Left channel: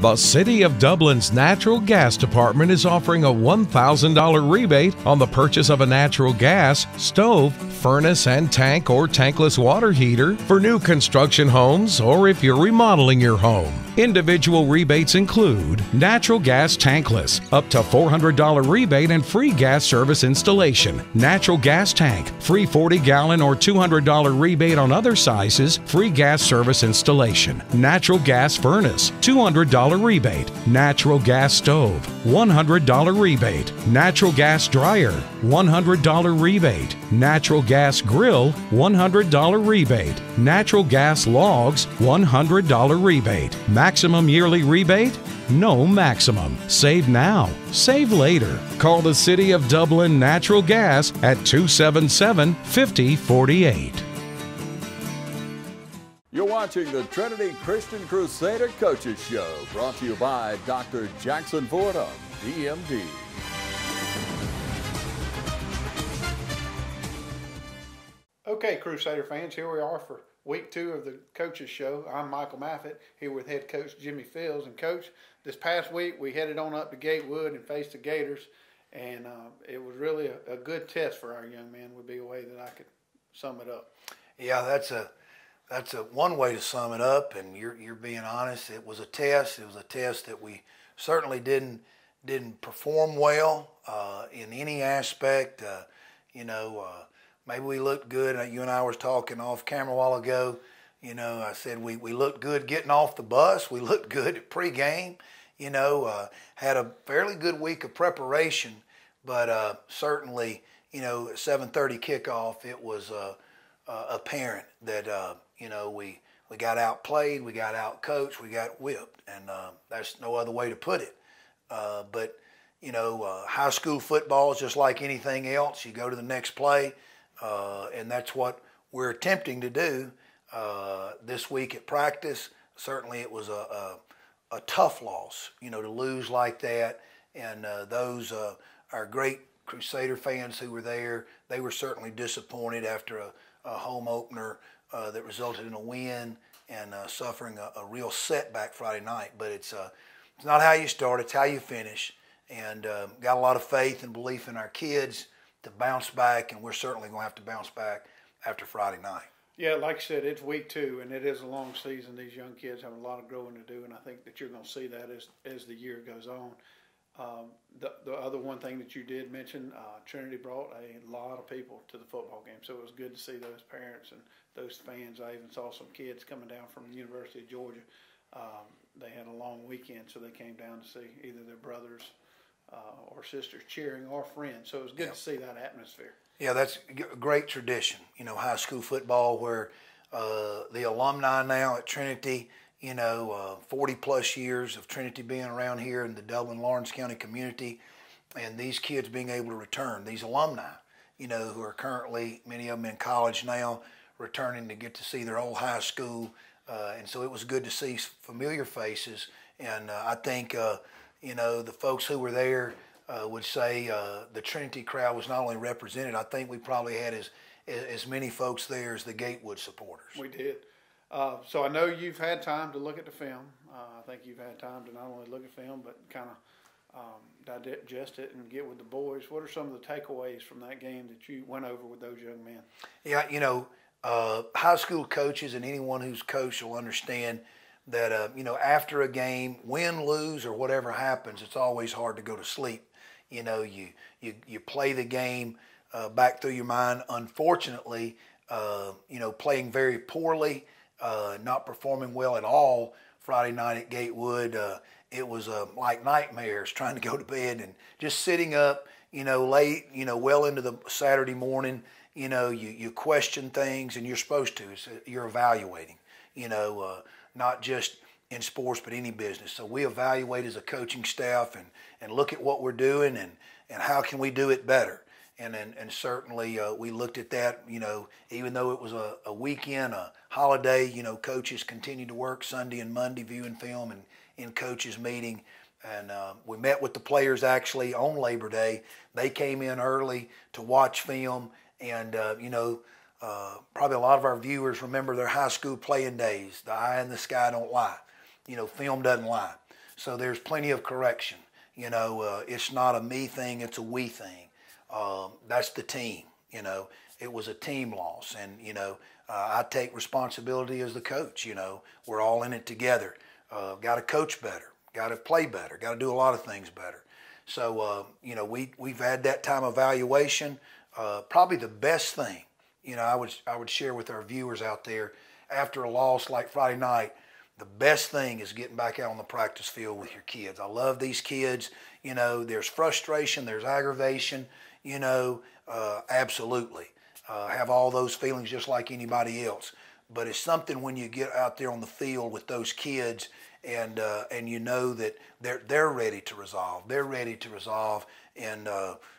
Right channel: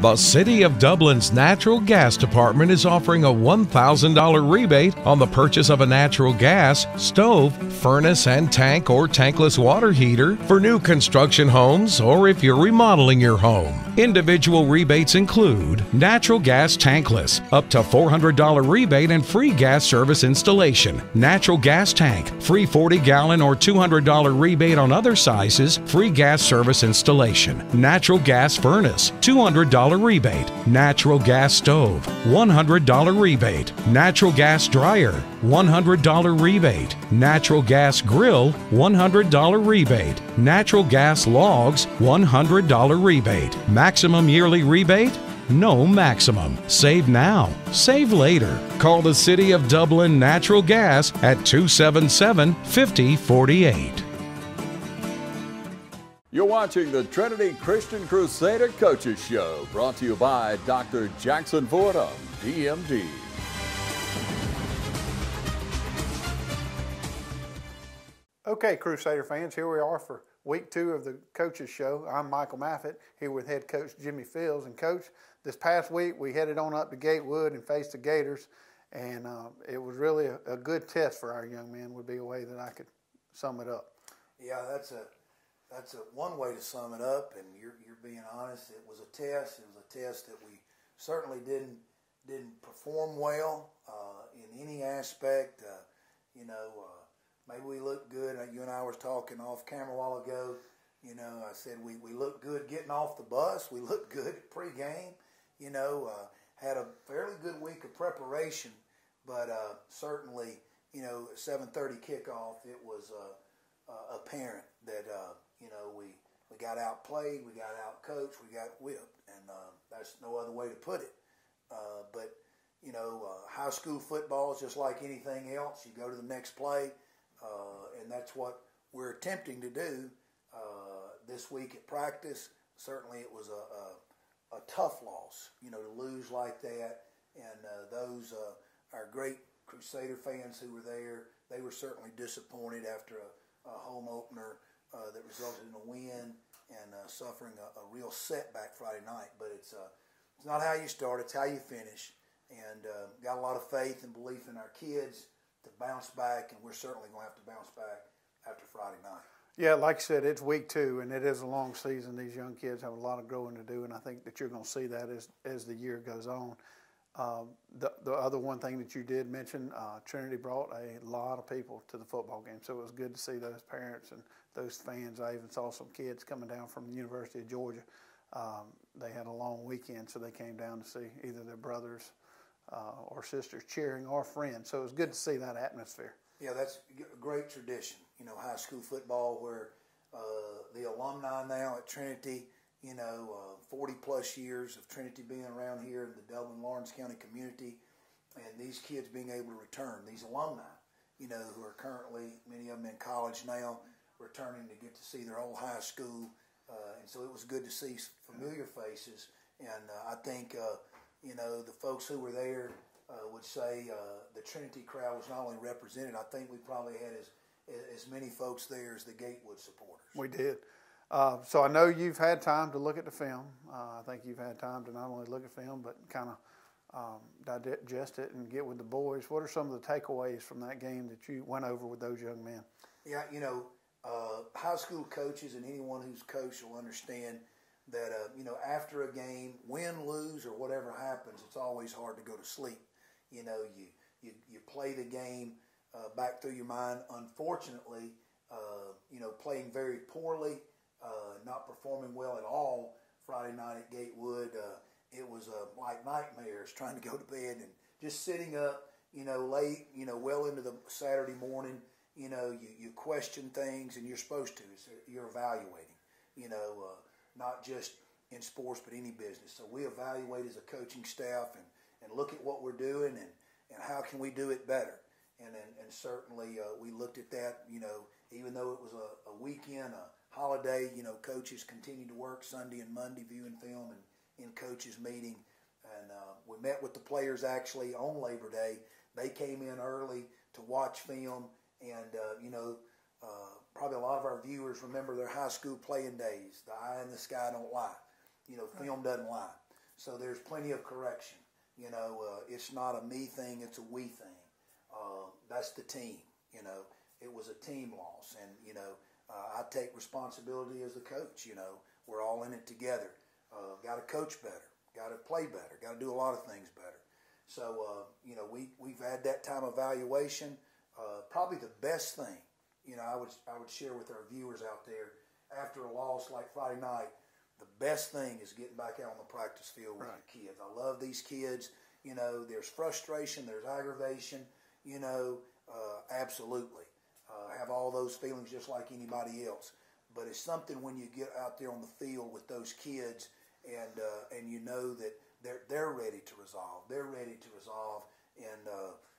The City of Dublin's Natural Gas Department is offering a $1,000 rebate on the purchase of a natural gas, stove, furnace and tank or tankless water heater for new construction homes or if you're remodeling your home. Individual rebates include natural gas tankless, up to $400 rebate and free gas service installation. Natural gas tank, free 40-gallon or $200 rebate on other sizes, free gas service installation. Natural gas furnace, $200 rebate. Natural gas stove, $100 rebate. Natural gas dryer, $100 rebate. Natural gas grill, $100 rebate. Natural gas logs, $100 rebate. Maximum yearly rebate? No maximum. Save now. Save later. Call the City of Dublin Natural Gas at 277-5048. You're watching the Trinity Christian Crusader Coaches Show, brought to you by Dr. Jackson Fordham, DMD. Okay, Crusader fans, here we are for week 2 of the Coaches Show. I'm Michael Maffett, here with head coach Jimmy Fields. And Coach, this past week we headed on up to Gatewood and faced the Gators, and it was really a good test for our young men, would be a way that I could sum it up. Yeah, that's a one way to sum it up, and you're being honest. It was a test. It was a test that we certainly didn't perform well in any aspect. Maybe we looked good. You and I was talking off camera a while ago. I said we looked good getting off the bus. We looked good at pregame. Had a fairly good week of preparation, but certainly, at 7:30 kickoff, it was apparent that we got outplayed, we got outcoached, we got whipped, and that's no other way to put it. But high school football is just like anything else. You go to the next play, and that's what we're attempting to do this week at practice. Certainly, it was a tough loss, to lose like that. And those our great Crusader fans who were there, they were certainly disappointed after a home opener that resulted in a win and suffering a real setback Friday night. But it's not how you start, it's how you finish. And got a lot of faith and belief in our kids to bounce back, and we're certainly going to have to bounce back after Friday night. Yeah, like I said, it's week 2, and it is a long season. These young kids have a lot of growing to do, and I think that you're going to see that as the year goes on. The other one thing that you did mention, Trinity brought a lot of people to the football game, so it was good to see those parents and those fans. I even saw some kids coming down from the University of Georgia. They had a long weekend, so they came down to see either their brothers or sisters cheering or friends. So it was good to see that atmosphere. Yeah, that's a great tradition, high school football where the alumni now at Trinity, 40-plus years of Trinity being around here in the Dublin-Lawrence County community, and these kids being able to return, these alumni, who are currently, many of them in college now, returning to get to see their old high school. And so it was good to see familiar faces. And I think, the folks who were there would say the Trinity crowd was not only represented, I think we probably had as many folks there as the Gatewood supporters. We did. So I know you've had time to look at the film. I think you've had time to not only look at film, but kind of digest it and get with the boys. What are some of the takeaways from that game that you went over with those young men? Yeah, high school coaches and anyone who's coached will understand that, after a game, win, lose, or whatever happens, it's always hard to go to sleep. You play the game back through your mind. Unfortunately, playing very poorly, not performing well at all Friday night at Gatewood. It was like nightmares trying to go to bed and just sitting up, late, well into the Saturday morning. You question things, and you're supposed to. You're evaluating, not just in sports, but any business. So we evaluate as a coaching staff and look at what we're doing and how can we do it better. And certainly we looked at that, even though it was a weekend, a holiday, coaches continued to work Sunday and Monday viewing film and in coaches meeting. And we met with the players actually on Labor Day. They came in early to watch film. And, probably a lot of our viewers remember their high school playing days. The eye in the sky don't lie. Film doesn't lie. So there's plenty of correction. You know, it's not a me thing, it's a we thing. That's the team, you know. It was a team loss, and, you know, I take responsibility as the coach, you know. We're all in it together. Got to coach better, got to play better, got to do a lot of things better. So, you know, we've had that time evaluation. Probably the best thing, you know, I would share with our viewers out there, after a loss like Friday night, the best thing is getting back out on the practice field with your kids. I love these kids. You know, there's frustration, there's aggravation, you know, absolutely. Have all those feelings just like anybody else. But it's something when you get out there on the field with those kids and you know that they're ready to resolve. They're ready to resolve and,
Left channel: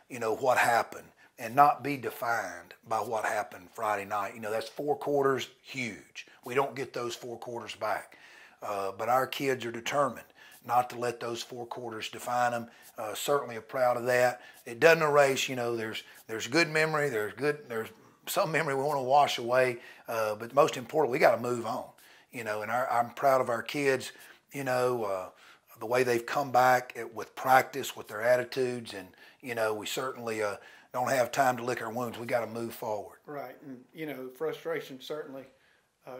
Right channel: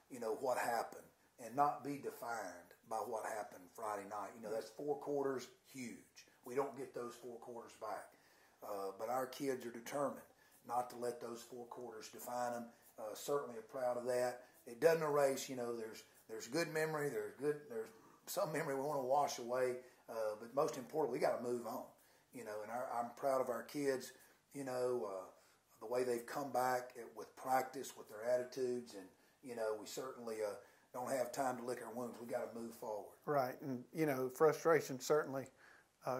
you know, what happened and not be defined by what happened Friday night. You know, that's 4 quarters, huge. We don't get those 4 quarters back. But our kids are determined not to let those 4 quarters define them. Certainly are proud of that. It doesn't erase, you know, there's good memory, there's some memory we want to wash away, but most important, we got to move on, you know, and I'm proud of our kids, you know, the way they've come back with practice, with their attitudes, and, you know, we certainly don't have time to lick our wounds. We got to move forward. Right, and, you know, frustration certainly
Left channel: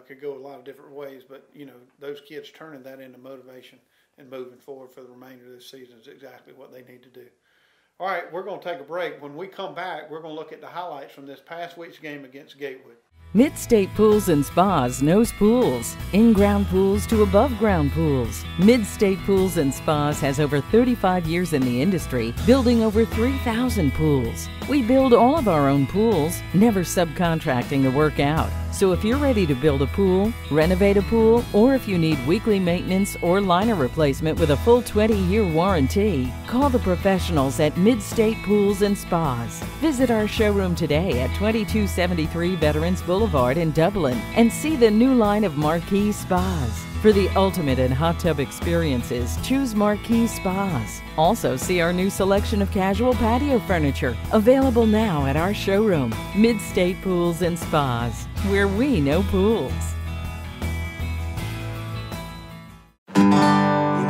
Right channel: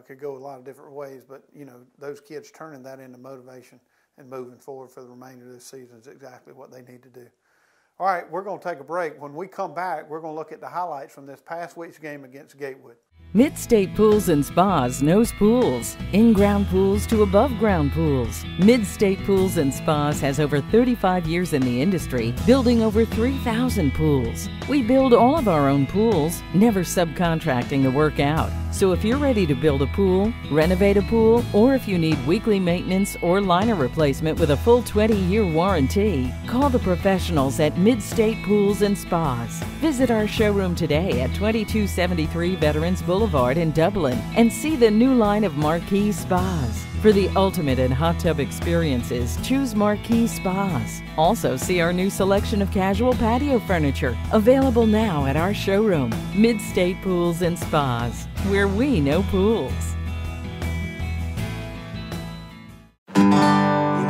could go a lot of different ways, but, you know, those kids turning that into motivation and moving forward for the remainder of this season is exactly what they need to do. All right, we're going to take a break. When we come back, we're going to look at the highlights from this past week's game against Gatewood. Mid-State Pools and Spas knows pools. In-ground pools to above-ground pools. Mid-State Pools and Spas has over 35 years in the industry, building over 3,000 pools. We build all of our own pools, never subcontracting the work out. So if you're ready to build a pool, renovate a pool, or if you need weekly maintenance or liner replacement with a full 20-year warranty, call the professionals at Mid-State Pools and Spas. Visit our showroom today at 2273 Veterans Boulevard in Dublin and see the new line of Marquee Spas. For the ultimate in hot tub experiences, choose Marquee Spas. Also see our new selection of casual patio furniture, available now at our showroom, Mid-State Pools and Spas, where we know pools. You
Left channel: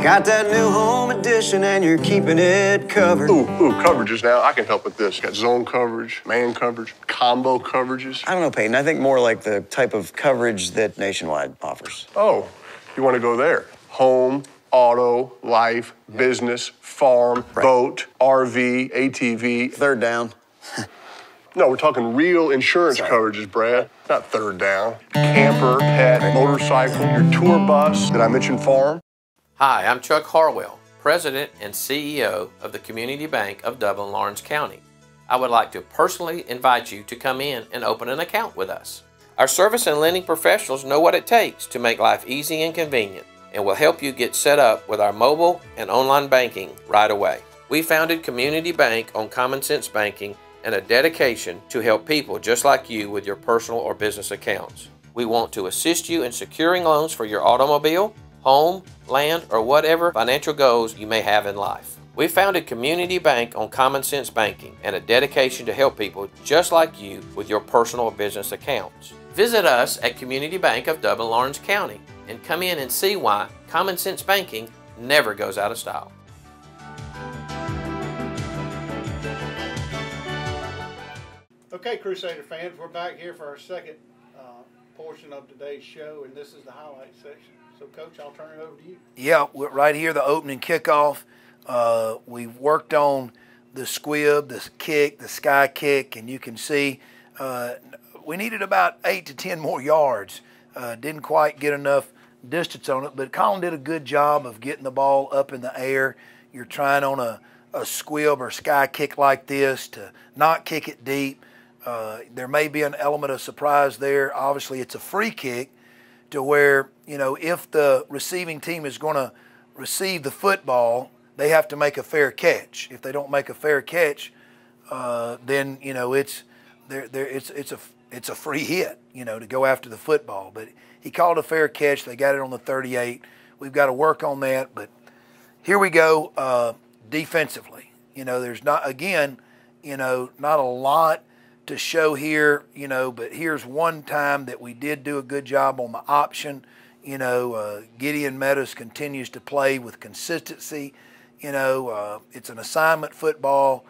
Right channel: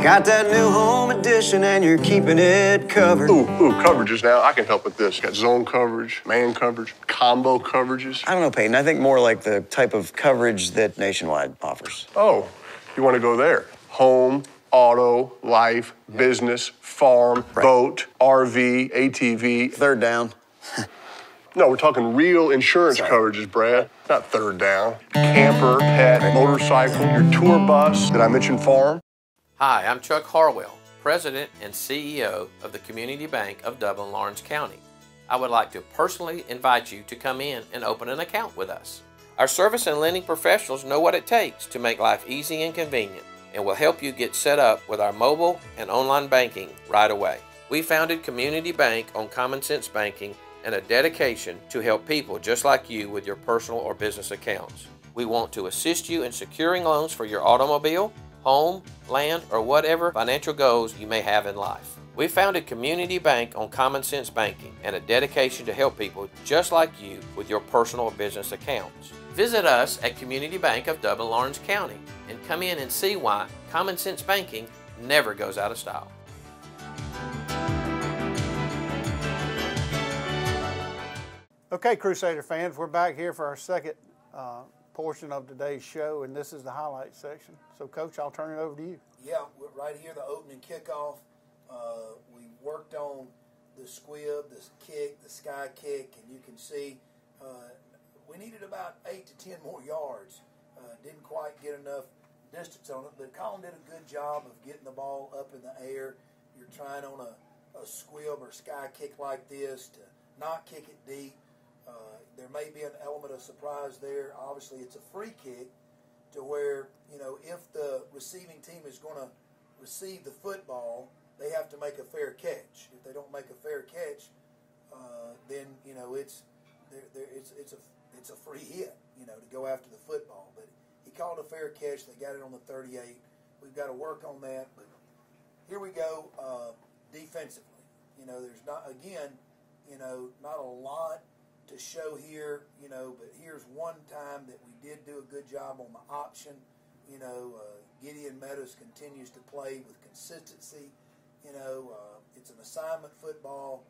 got that new home edition and you're keeping it covered. Ooh, coverages now. I can help with this. Got zone coverage, man coverage, combo coverages. I don't know, Peyton. I think more like the type of coverage that Nationwide offers. Oh, you want to go there? Home, auto, life, business, farm, boat, RV, ATV. Third down. No, we're talking real insurance coverages, Brad. Not third down. Camper, pet, motorcycle, your tour bus. Did I mention farm? Hi, I'm Chuck Harwell, President and CEO of the Community Bank of Dublin-Lawrence County. I would like to personally invite you to come in and open an account with us. Our service and lending professionals know what it takes to make life easy and convenient and will help you get set up with our mobile and online banking right away. We founded Community Bank on common sense banking and a dedication to help people just like you with your personal or business accounts. We want to assist you in securing loans for your automobile, home, land, or whatever financial goals you may have in life. We founded Community Bank on common sense banking and a dedication to help people just like you with your personal or business accounts. Visit us at Community Bank of Dublin-Lawrence County and come in and see why common sense banking never goes out of style. Okay, Crusader fans, we're back here for our second portion of today's show, and this is the highlight section. So, Coach, I'll turn it over to you. Yeah, right here, the opening kickoff. We've worked on the squib, the kick, the sky kick, and you can see we needed about 8 to 10 more yards. Didn't quite get enough distance on it, but Colin did a good job of getting the ball up in the air. You're trying on a squib or sky kick like this to not kick it deep. There may be an element of surprise there. Obviously, it's a free kick to where, you know, if the receiving team is going to receive the football, they have to make a fair catch. If they don't make a fair catch, then, you know, it's a free hit, you know, to go after the football. But he called a fair catch. They got it on the 38. We've got to work on that. But here we go defensively. You know, there's not, again, you know, not a lot to show here, you know, but here's one time that we did do a good job on the option. Gideon Meadows continues to play with consistency. It's an assignment football.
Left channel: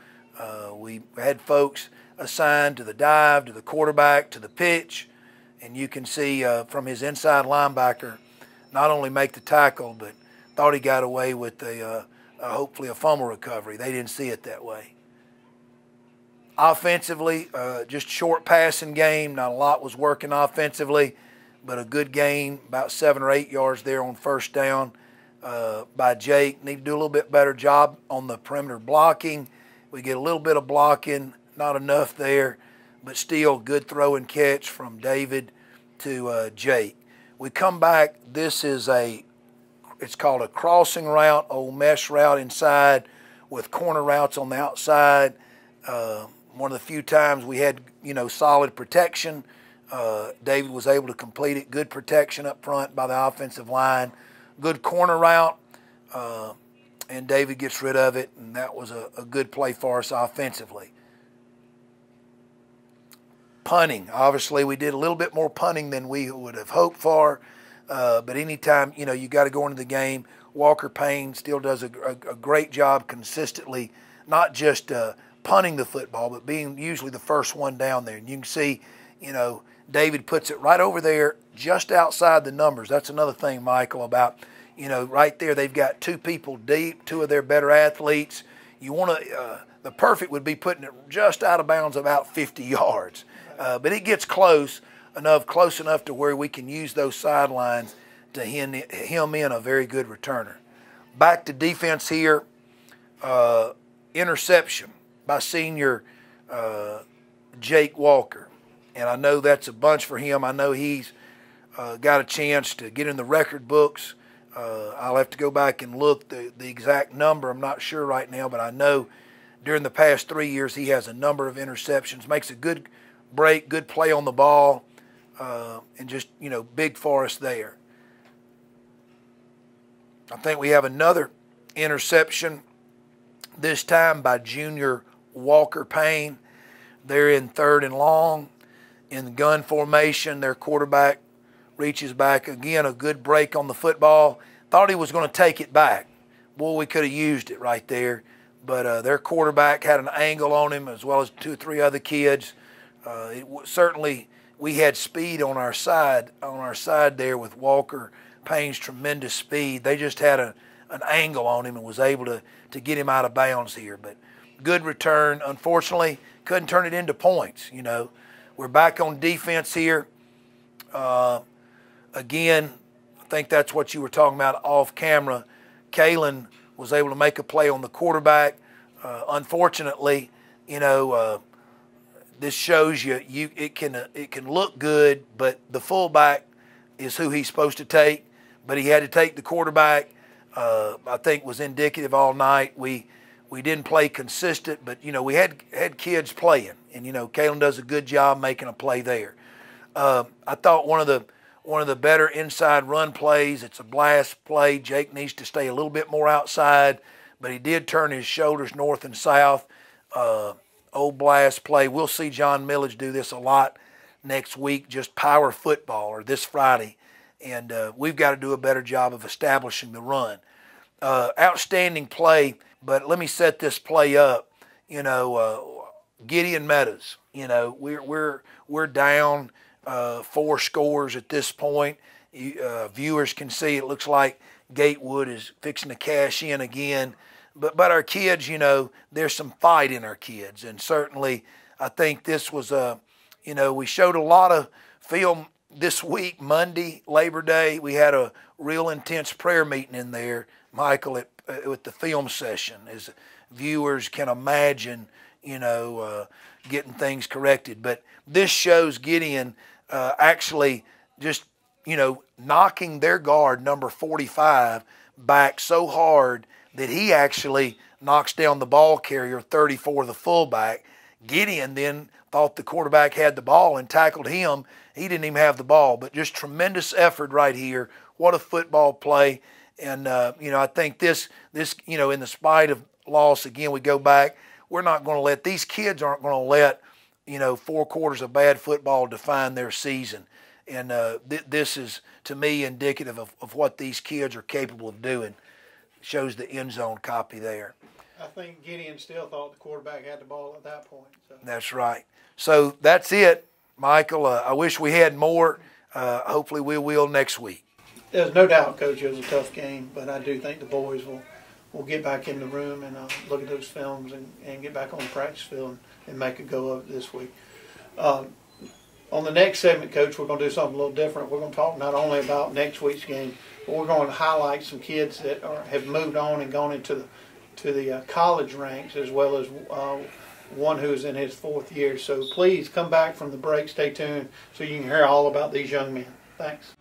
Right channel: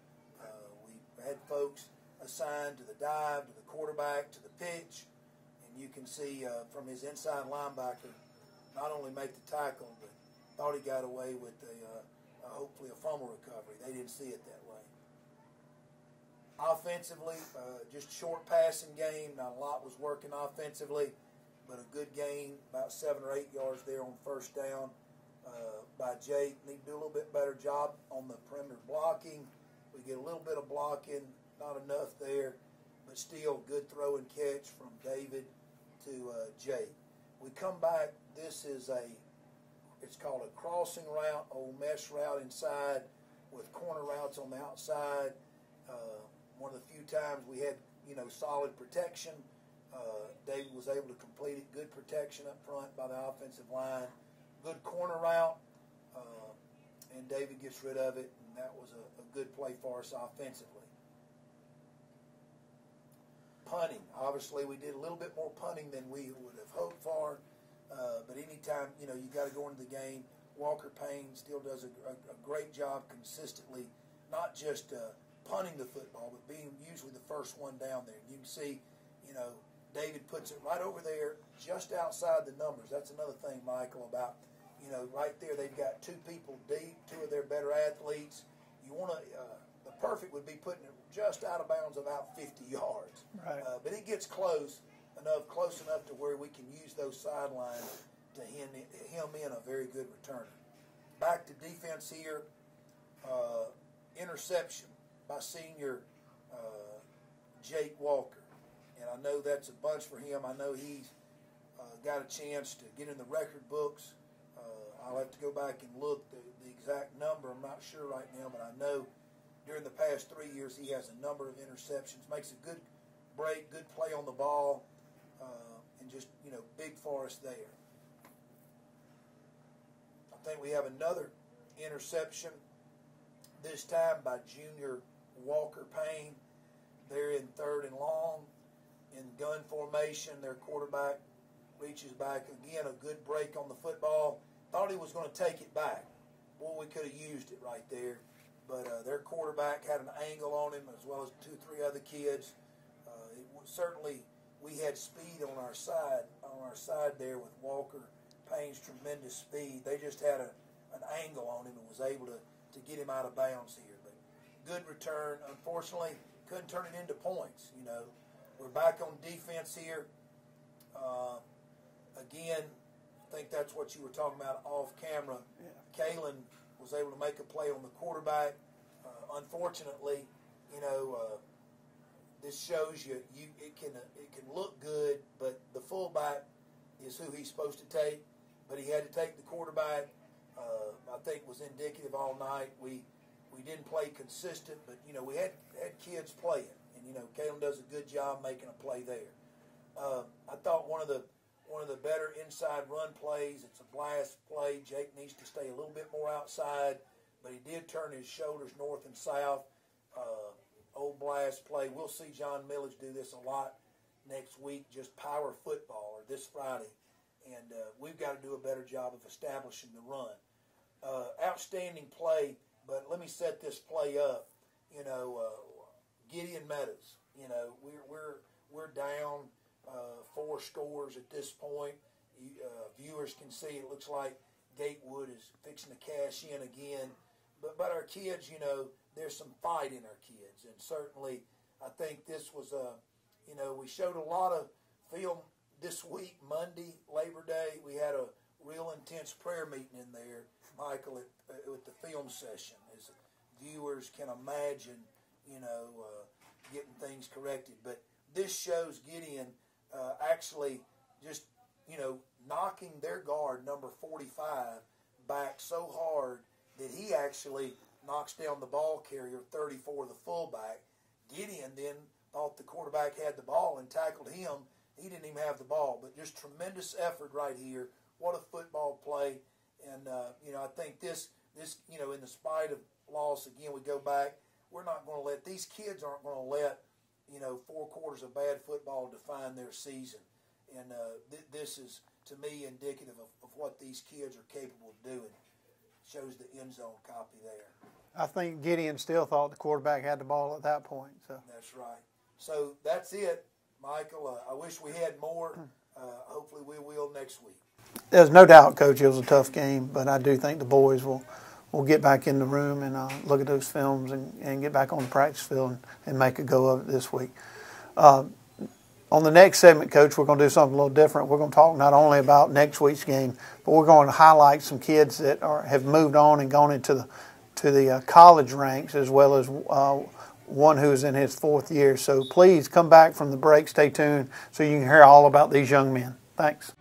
We had folks assigned to the dive, to the quarterback, to the pitch, and you can see from his inside linebacker not only make the tackle, but thought he got away with hopefully a fumble recovery. They didn't see it that way. Offensively, just short passing game. Not a lot was working offensively, but a good gain, about 7 or 8 yards there on first down by Jake. Need to do a little bit better job on the perimeter blocking. We get a little bit of blocking, not enough there, but still good throw and catch from David to Jake. We come back. This is it's called a crossing route, old mesh route inside with corner routes on the outside. One of the few times we had, solid protection. David was able to complete it. Good protection up front by the offensive line. Good corner route, and David gets rid of it, and that was a good play for us offensively. Punting. Obviously, we did a little bit more punting than we would have hoped for, but anytime, you got to go into the game. Walker Payne still does a great job consistently, not just punting the football, but being usually the first one down there. And you can see, David puts it right over there just outside the numbers. That's another thing, Michael, about, right there they've got 2 people deep, 2 of their better athletes. You want to, the perfect would be putting it just out of bounds about 50 yards. But it gets close enough to where we can use those sidelines to hem in a very good returner. Back to defense here, interception by senior Jake Walker. And I know that's a bunch for him. I know he's got a chance to get in the record books. I'll have to go back and look the exact number. I'm not sure right now, but I know during the past 3 years he has a number of interceptions, makes a good break, good play on the ball, and just, big for us there. I think we have another interception, this time by junior Walker Payne. They're in 3rd and long in gun formation. Their quarterback reaches back. Again, a good break on the football. Thought he was going to take it back. Boy, we could have used it right there. But their quarterback had an angle on him, as well as 2 or 3 other kids. Certainly, we had speed on our side there with Walker Payne's tremendous speed. They just had an angle on him and was able to get him out of bounds here. But good return. Unfortunately, couldn't turn it into points. We're back on defense here. Again, I think that's what you were talking about off camera. Kalen was able to make a play on the quarterback. Unfortunately, this shows you it can look good, but the fullback is who he's supposed to take. But he had to take the quarterback. I think was indicative all night. We didn't play consistent, but we had kids playing, and Kalen does a good job making a play there. I thought one of the better inside run plays. It's a blast play. Jake needs to stay a little bit more outside, but he did turn his shoulders north and south. Old blast play. We'll see John Millage do this a lot next week, just power football, or this Friday. And we've got to do a better job of establishing the run. Outstanding play, but let me set this play up. Gideon Meadows. We're down 4 scores at this point. Viewers can see it looks like Gatewood is fixing to cash in again. But our kids, there's some fight in our kids, and certainly I think this was we showed a lot of film this week, Monday, Labor Day. We had a real intense prayer meeting in there, Michael, with the film session, as viewers can imagine, getting things corrected. But this shows Gideon actually just, knocking their guard, number 45, back so hard that he actually knocks down the ball carrier, 34, the fullback. Gideon then thought the quarterback had the ball and tackled him. He didn't even have the ball, but just tremendous effort right here. What a football play. And, I think this, in the spite of loss, again, we go back, we're not going to let, these kids aren't going to let, 4 quarters of bad football define their season. And this is, to me, indicative of what these kids are capable of doing. Shows the end zone copy there. I think Gideon still thought the quarterback had the ball at that point. So. That's right. So that's it, Michael. I wish we had more. Hopefully we will next week. There's no doubt, Coach, it was a tough game, but I do think the boys will get back in the room and look at those films and get back on the practice field and make a go of it this week. On the next segment, Coach, we're going to do something a little different. We're going to talk not only about next week's game, but we're going to highlight some kids that have moved on and gone into the college ranks, as well as one who's in his 4th year. So please come back from the break. Stay tuned so you can hear all about these young men. Thanks.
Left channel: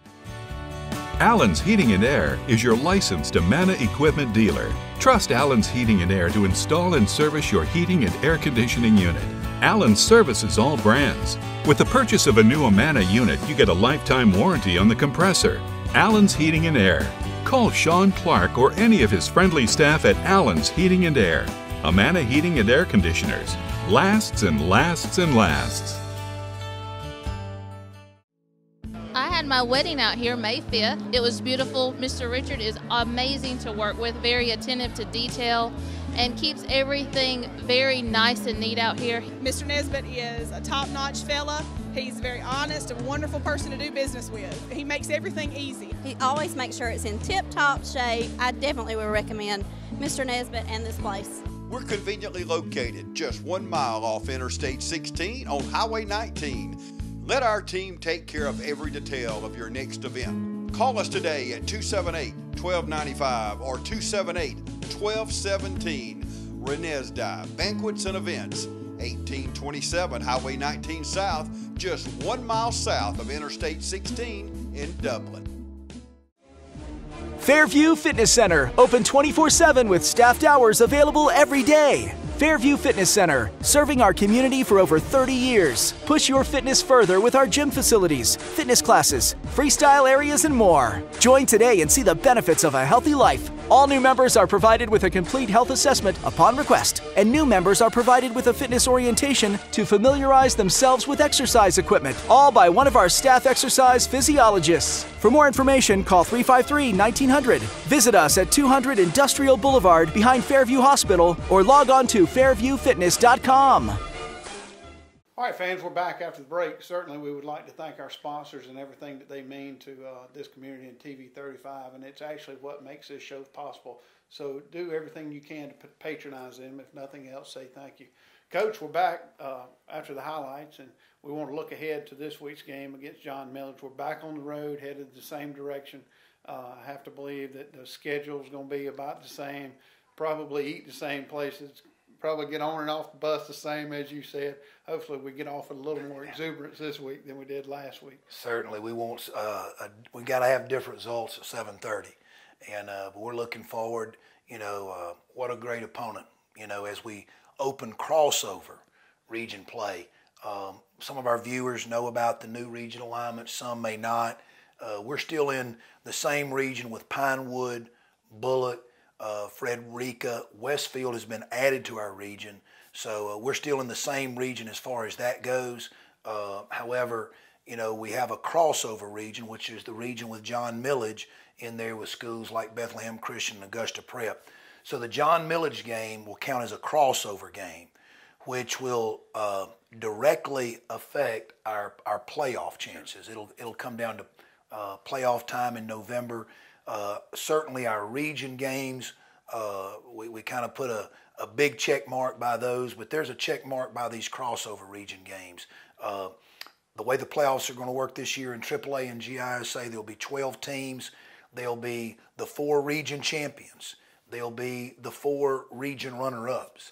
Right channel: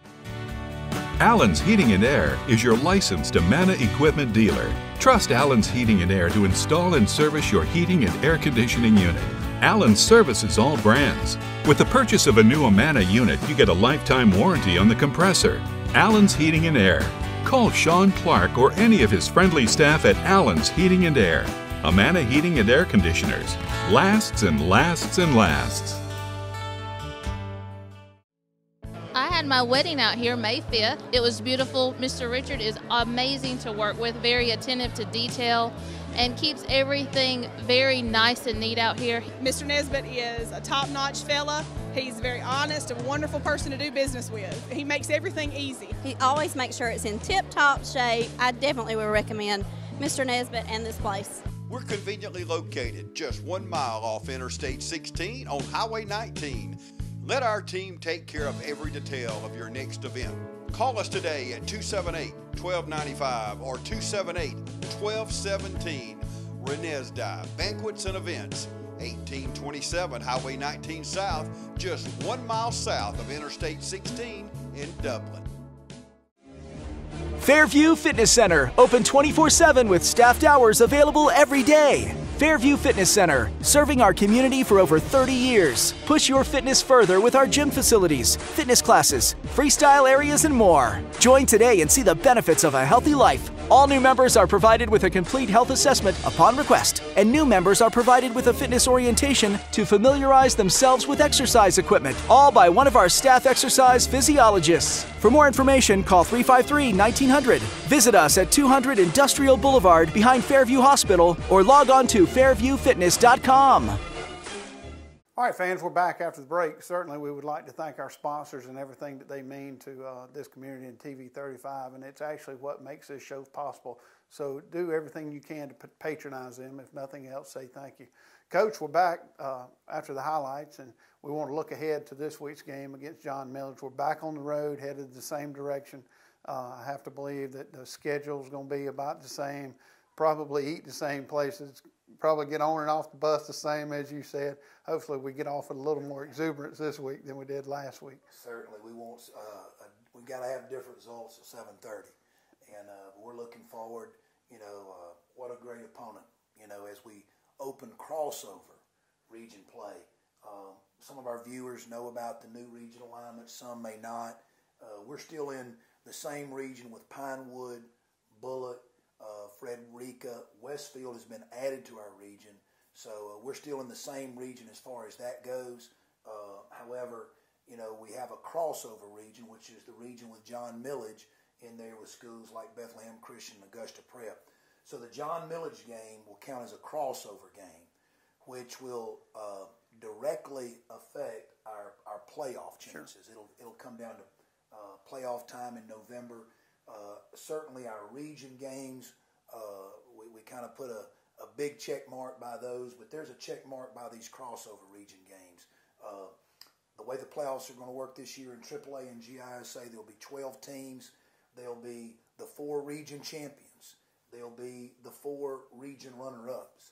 Allen's Heating and Air is your licensed Amana equipment dealer. Trust Allen's Heating and Air to install and service your heating and air conditioning unit. Allen services all brands. With the purchase of a new Amana unit, you get a lifetime warranty on the compressor. Allen's Heating and Air. Call Sean Clark or any of his friendly staff at Allen's Heating and Air. Amana Heating and Air Conditioners. Lasts and lasts and lasts. I had my wedding out here May 5th. It was beautiful. Mr. Richard is amazing to work with, very attentive to detail, and keeps everything very nice and neat out here. Mr. Nesbitt is a top-notch fella. He's very honest, a wonderful person to do business with. He makes everything easy. He always makes sure it's in tip-top shape. I definitely would recommend Mr. Nesbitt and this place. We're conveniently located just 1 mile off Interstate 16 on Highway 19. Let our team take care of every detail of your next event. Call us today at 278-1295 or 278-1217. Renesda Banquets and Events, 1827 Highway 19 South, just 1 mile south of Interstate 16 in Dublin. Fairview Fitness Center, open 24/7 with staffed hours available every day. Fairview Fitness Center, serving our community for over 30 years. Push your fitness further with our gym facilities, fitness classes, freestyle areas, and more. Join today and see the benefits of a healthy life. All new members are provided with a complete health assessment upon request, and new members are provided with a fitness orientation to familiarize themselves with exercise equipment, all by one of our staff exercise physiologists. For more information, call 353-1900. Visit us at 200 Industrial Boulevard behind Fairview Hospital or log on to fairviewfitness.com. All right, fans, we're back after the break. Certainly, we would like to thank our sponsors and everything that they mean to this community and TV 35, and it's actually what makes this show possible. So do everything you can to patronize them. If nothing else, say thank you. Coach, we're back after the highlights, and we want to look ahead to this week's game against John Millage. We're back on the road, headed the same direction. I have to believe that the schedule is going to be about the same, probably eat the same places, probably get on and off the bus the same as you said. Hopefully we get off with a little more exuberance this week than we did last week. Certainly, we want we got to have different results at 7:30, and but we're looking forward. What a great opponent. As we open crossover region play. Some of our viewers know about the new region alignment. Some may not. We're still in the same region with Pinewood, Bullock, Frederica. Westfield has been added to our region. So we're still in the same region as far as that goes. However, we have a crossover region, which is the region with John Millage in there with schools like Bethlehem Christian and Augusta Prep. So the John Millage game will count as a crossover game, which will directly affect our playoff chances. It'll come down to playoff time in November. Certainly our region games, we kind of put a big check mark by those, but there's a check mark by these crossover region games. The way the playoffs are going to work this year in AAA and GISA, there'll be 12 teams. There'll be the 4 region champions. There'll be the 4 region runner-ups.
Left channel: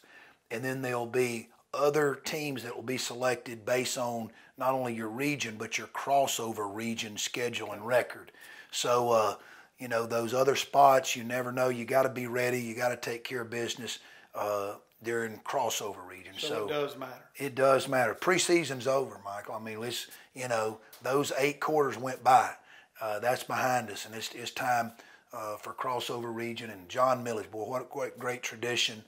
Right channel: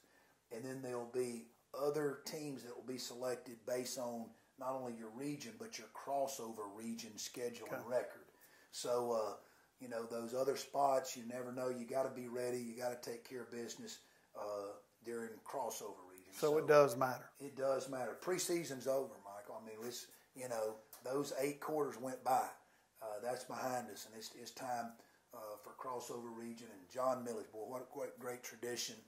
And then there'll be other teams that will be selected based on not only your region, but your crossover region schedule and record. So, those other spots, you never know. You got to be ready. You got to take care of business during crossover region. So it does matter. It does matter. Preseason's over, Michael. I mean, those 8 quarters went by. That's behind us, and it's time for crossover region. And John Millage, boy, what a great tradition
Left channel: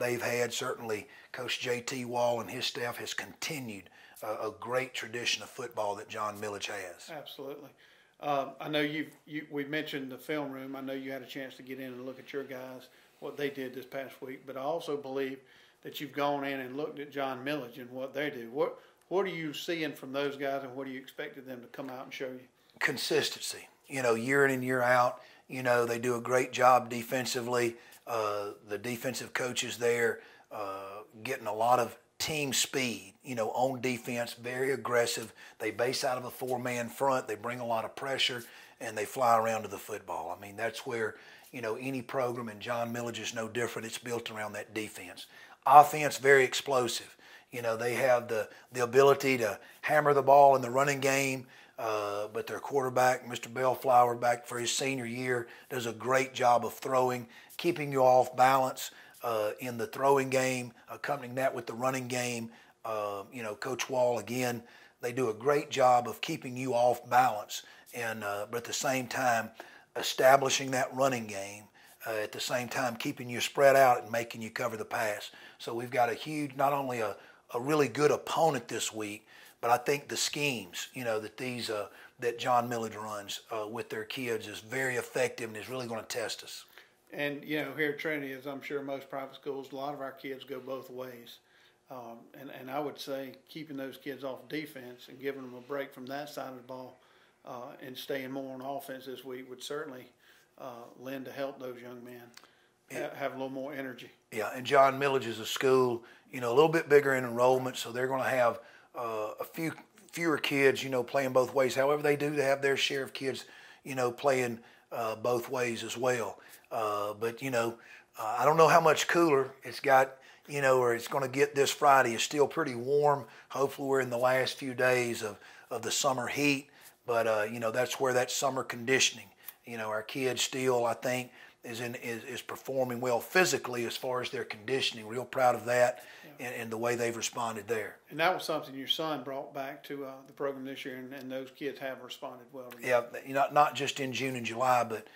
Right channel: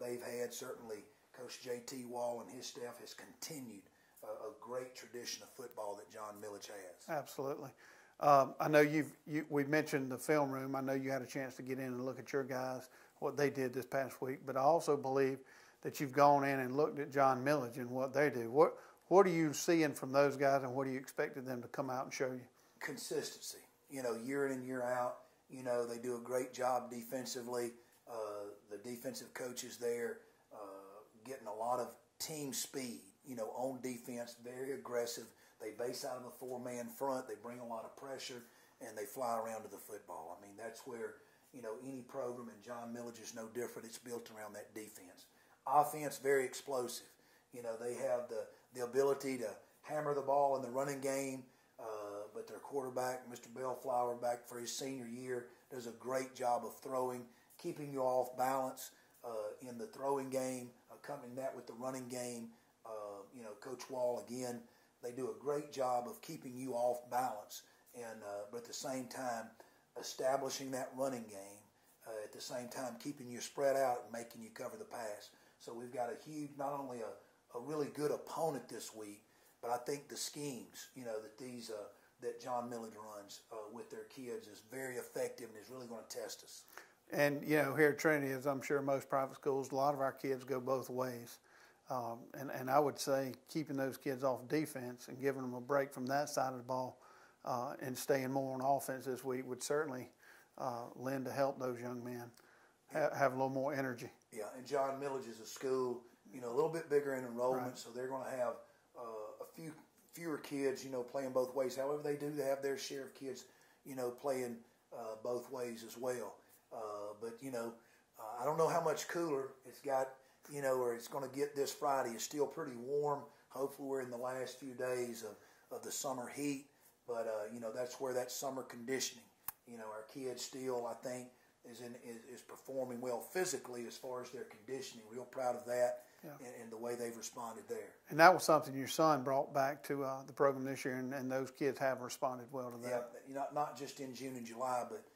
they've had. Certainly, Coach J.T. Wall and his staff has continued a great tradition of football that John Millage has. Absolutely. I know we mentioned the film room. I know you had a chance to get in and look at your guys, what they did this past week. But I also believe that you've gone in and looked at John Millage and what they do. What are you seeing from those guys, and what are you expecting them to come out and show you? Consistency. Year in and year out, they do a great job defensively. The defensive coaches there getting a lot of team speed, on defense, very aggressive. They base out of a four-man front. They bring a lot of pressure, and they fly around to the football. I mean, that's where, any program, and John Millage is no different. It's built around that defense. Offense, very explosive. They have the ability to hammer the ball in the running game, but their quarterback, Mr. Bellflower, back for his senior year, does a great job of throwing, keeping you off balance in the throwing game, accompanying that with the running game. Coach Wall, again, they do a great job of keeping you off balance, and but at the same time, establishing that running game, at the same time keeping you spread out and making you cover the pass. So we've got a huge, not only a really good opponent this week, but I think the schemes, that John Millage runs with their kids is very effective and is really going to test us. And, here at Trinity, as I'm sure most private schools, a lot of our kids go both ways. And I would say keeping those kids off defense and giving them a break from that side of the ball and staying more on offense this week would certainly lend to help those young men have a little more energy. Yeah, and John Millage is a school, a little bit bigger in enrollment, so they're going to have a fewer kids, playing both ways. However, they do have their share of kids, playing both ways as well. But I don't know how much cooler it's got, or it's going to get this Friday. It's still pretty warm. Hopefully we're in the last few days of the summer heat, but that's where that summer conditioning, our kids still, I think, is performing well physically as far as their conditioning. Real proud of that, and the way they've responded there. And that was something your son brought back to the program this year, and those kids have responded well to that. Yeah, not just in June and July, but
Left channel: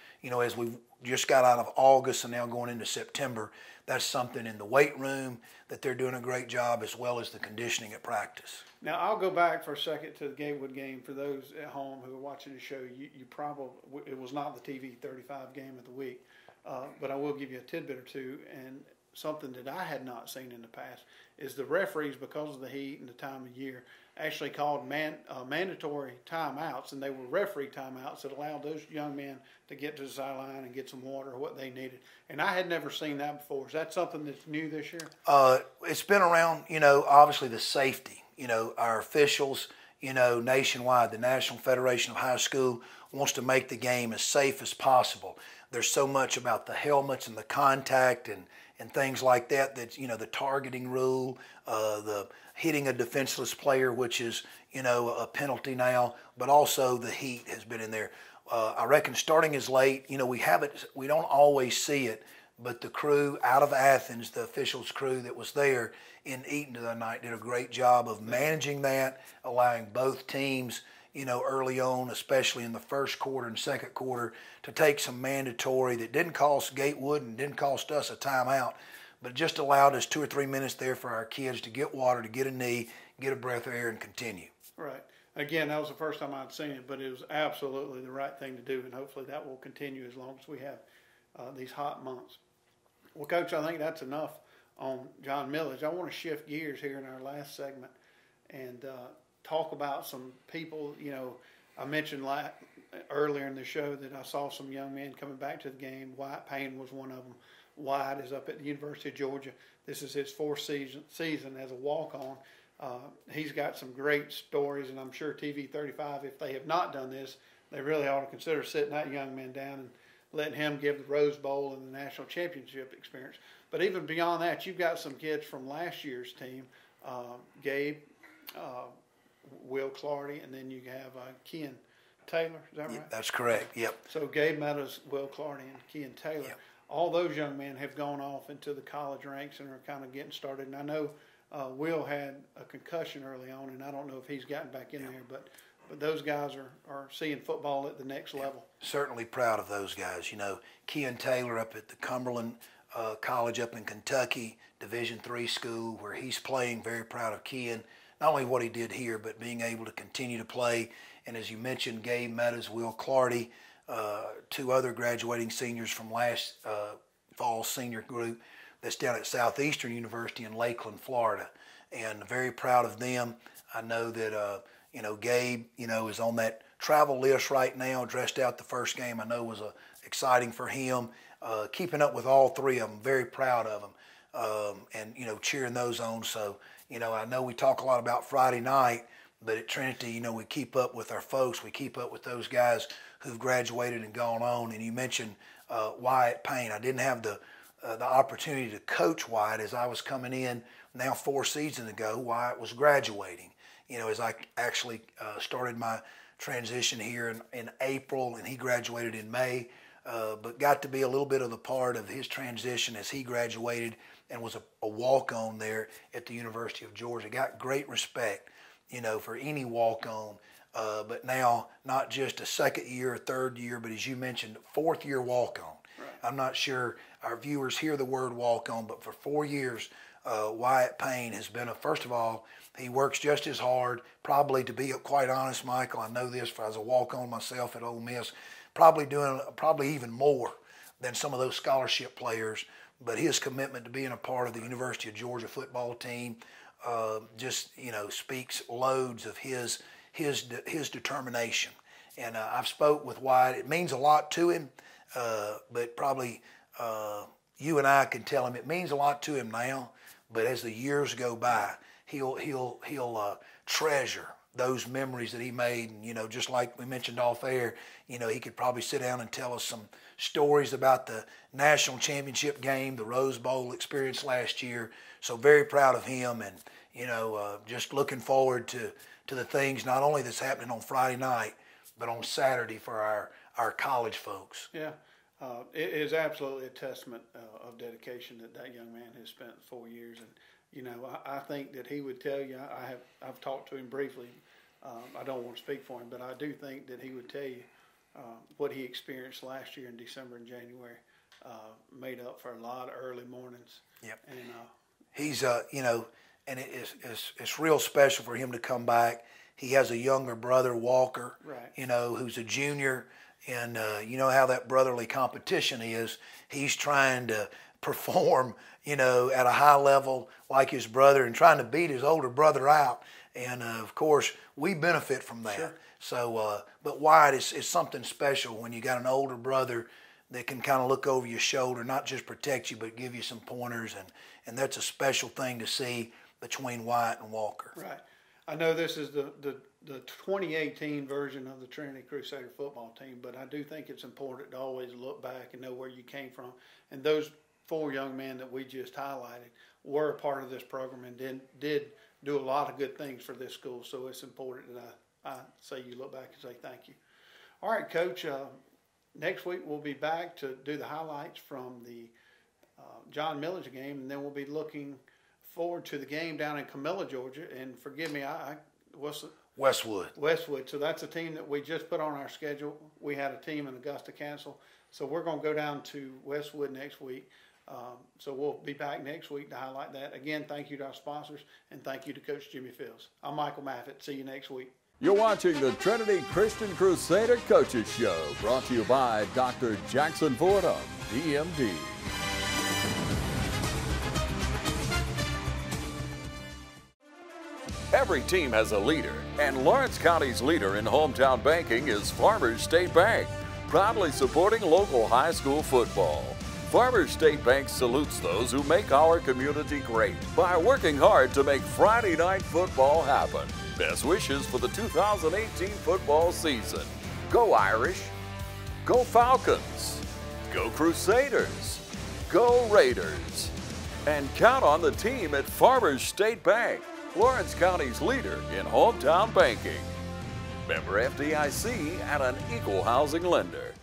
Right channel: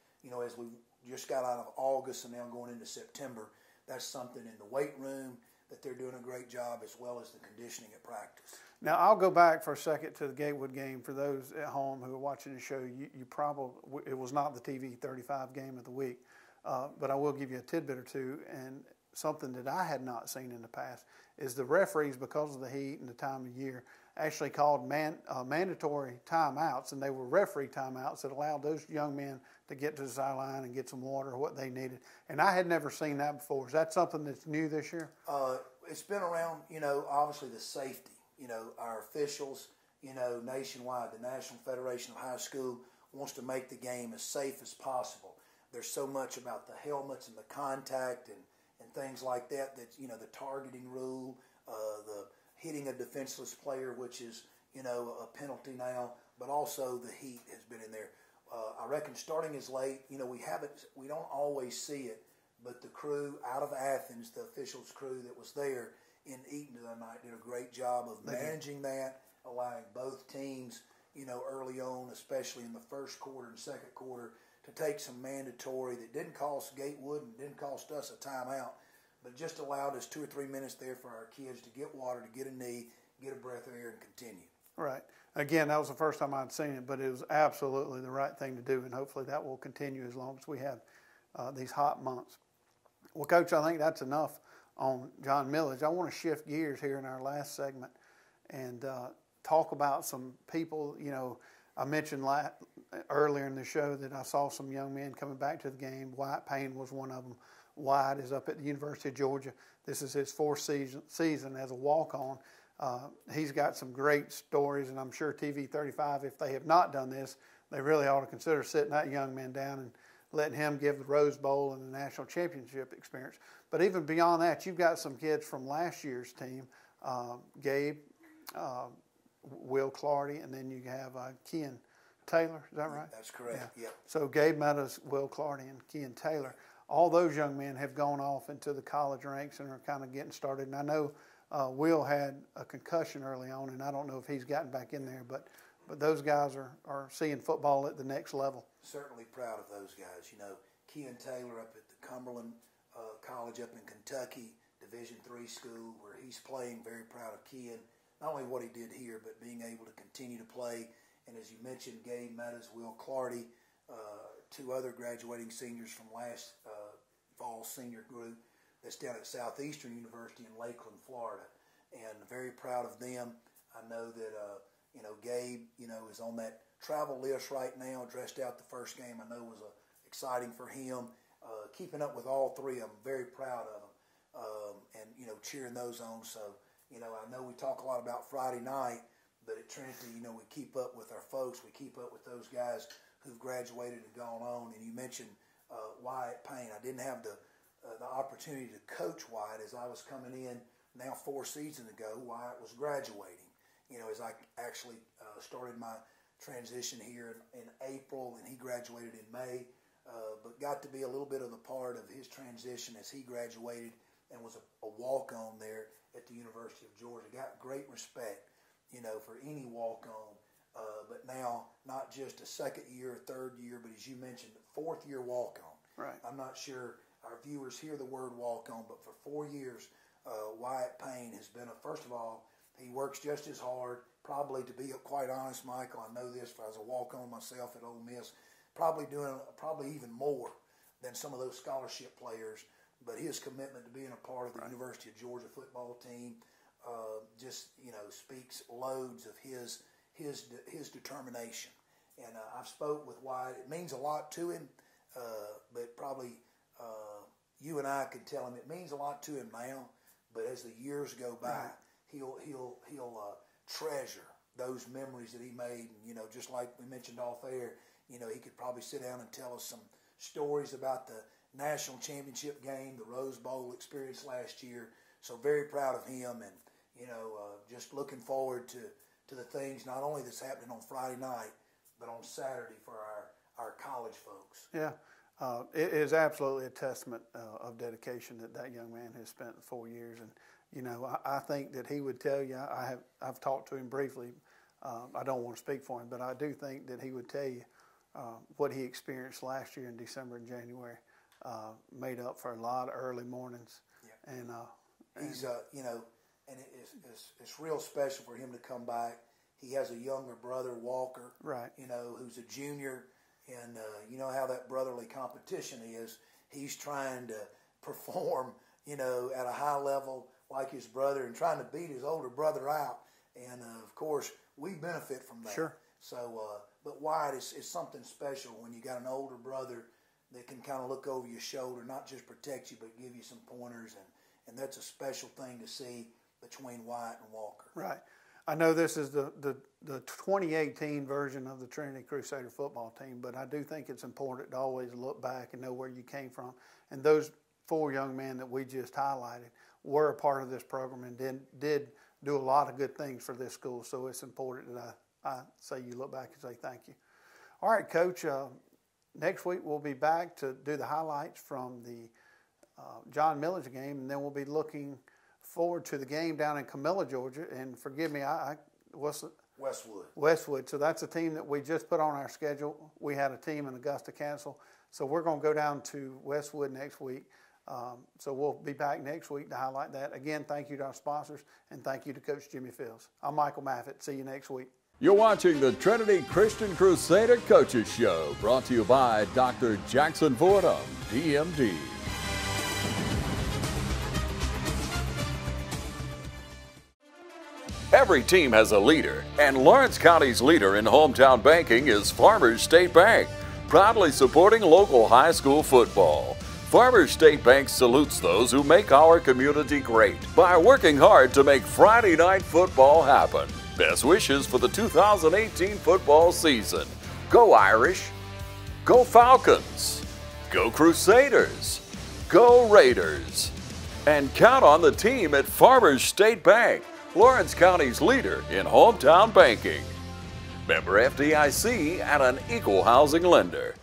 as we just got out of August and now going into September, that's something in the weight room that they're doing a great job, as well as the conditioning at practice. Now, I'll go back for a second to the Gatewood game. For those at home who are watching the show, you probably, it was not the TV 35 game of the week, but I will give you a tidbit or two. And something that I had not seen in the past is the referees, because of the heat and the time of year, actually called mandatory timeouts, and they were referee timeouts that allowed those young men to get to the sideline and get some water or what they needed. And I had never seen that before. Is that something that's new this year? It's been around, obviously the safety. Our officials, nationwide, the National Federation of High School wants to make the game as safe as possible. There's so much about the helmets and the contact and things like that, the targeting rule, the hitting a defenseless player, which is, a penalty now, but also the heat has been in there. I reckon starting as late, we don't always see it, but the crew out of Athens, the officials crew that was there in Eaton the other night, did a great job of managing that, allowing both teams, early on, especially in the first quarter and second quarter, to take some mandatory that didn't cost Gatewood and didn't cost us a timeout, but just allowed us 2 or 3 minutes there for our kids to get water, to get a knee, get a breath of air, and continue. Right. Again, that was the first time I'd seen it, but it was absolutely the right thing to do, and hopefully that will continue as long as we have these hot months. Well, Coach, I think that's enough on John Millage. I want to shift gears here in our last segment and talk about some people. I mentioned earlier in the show that I saw some young men coming back to the game. Wyatt Payne was one of them. Wyatt is up at the University of Georgia. This is his fourth season as a walk-on. He's got some great stories, and I'm sure TV 35, if they have not done this, they really ought to consider sitting that young man down and letting him give the Rose Bowl and the national championship experience. But even beyond that, you've got some kids from last year's team, Gabe, Will Clardy, and then you have Ken Taylor. Is that right? That's correct. Yep. So Gabe Meadows, Will Clardy, and Ken Taylor. Yep. All those young men have gone off into the college ranks and are kind of getting started. And I know Will had a concussion early on, and I don't know if he's gotten back in there, but those guys are seeing football at the next level. Certainly proud of those guys. Ken Taylor up at the Cumberland College up in Kentucky, Division III school, where he's playing. Very proud of Ken. not only what he did here, but being able to continue to play. And as you mentioned, Gabe Meadows, Will Clardy, two other graduating seniors from last fall's senior group that's down at Southeastern University in Lakeland, Florida. And very proud of them. I know that, Gabe, is on that travel list right now, dressed out the first game. I know was exciting for him. Keeping up with all three of them, very proud of them, and cheering those on. So I know we talk a lot about Friday night, but at Trinity, we keep up with our folks. We keep up with those guys who've graduated and gone on. And you mentioned Wyatt Payne. I didn't have the opportunity to coach Wyatt as I was coming in now 4 seasons ago. Wyatt was graduating. As I actually started my transition here in April, and he graduated in May. But got to be a little bit of the part of his transition as he graduated and was a walk-on there at the University of Georgia. Got great respect, for any walk-on. But now, not just a second year or third year, but as you mentioned, 4th year walk-on. Right. I'm not sure our viewers hear the word walk-on, but for 4 years, Wyatt Payne has been first of all, he works just as hard, probably, to be quite honest, Michael, I know this, I was a walk-on myself at Ole Miss, probably even more than some of those scholarship players, but his commitment to being a part of the University of Georgia football team just speaks loads of his determination. And I've spoke with Wyatt. It means a lot to him, but probably you and I can tell him it means a lot to him now. But as the years go by, he'll treasure those memories that he made. And, just like we mentioned off air, he could probably sit down and tell us some stories about the national championship game, the Rose Bowl experience last year. So very proud of him, and, just looking forward to the things not only that's happening on Friday night, but on Saturday for our college folks. Yeah, it is absolutely a testament of dedication that young man has spent 4 years. And, I think that he would tell you, I've talked to him briefly. I don't want to speak for him, but I do think that he would tell you what he experienced last year in December and January made up for a lot of early mornings. Yep. And he's, and it's real special for him to come back. He has a younger brother, Walker, right, who's a junior, and you know how that brotherly competition is. He's trying to perform, at a high level like his brother and trying to beat his older brother out. And, of course, we benefit from that. Sure. So, but Wyatt is something special when you got an older brother that can kind of look over your shoulder, not just protect you, but give you some pointers. And that's a special thing to see between Wyatt and Walker. Right. I know this is the 2018 version of the Trinity Crusader football team, but I do think it's important to always look back and know where you came from. And those 4 young men that we just highlighted were a part of this program and did do a lot of good things for this school. So it's important that I say you look back and say thank you. All right, Coach, next week we'll be back to do the highlights from the John Millage game, and then we'll be looking forward to the game down in Camilla, Georgia. And forgive me, Westwood. Westwood. So that's a team that we just put on our schedule. We had a team in Augusta cancel. So we're going to go down to Westwood next week. So we'll be back next week to highlight that. Again, thank you to our sponsors, and thank you to Coach Jimmy Fields. I'm Michael Maffett. See you next week. You're watching the Trinity Christian Crusader Coaches Show, brought to you by Dr. Jackson Fordham, DMD. Every team has a leader, and Lawrence County's leader in hometown banking is Farmers State Bank, proudly supporting local high school football. Farmers State Bank salutes those who make our community great by working hard to make Friday night football happen. Best wishes for the 2018 football season. Go Irish, go Falcons, go Crusaders, go Raiders. And count on the team at Farmers State Bank, Lawrence County's leader in hometown banking. Member FDIC and an equal housing lender.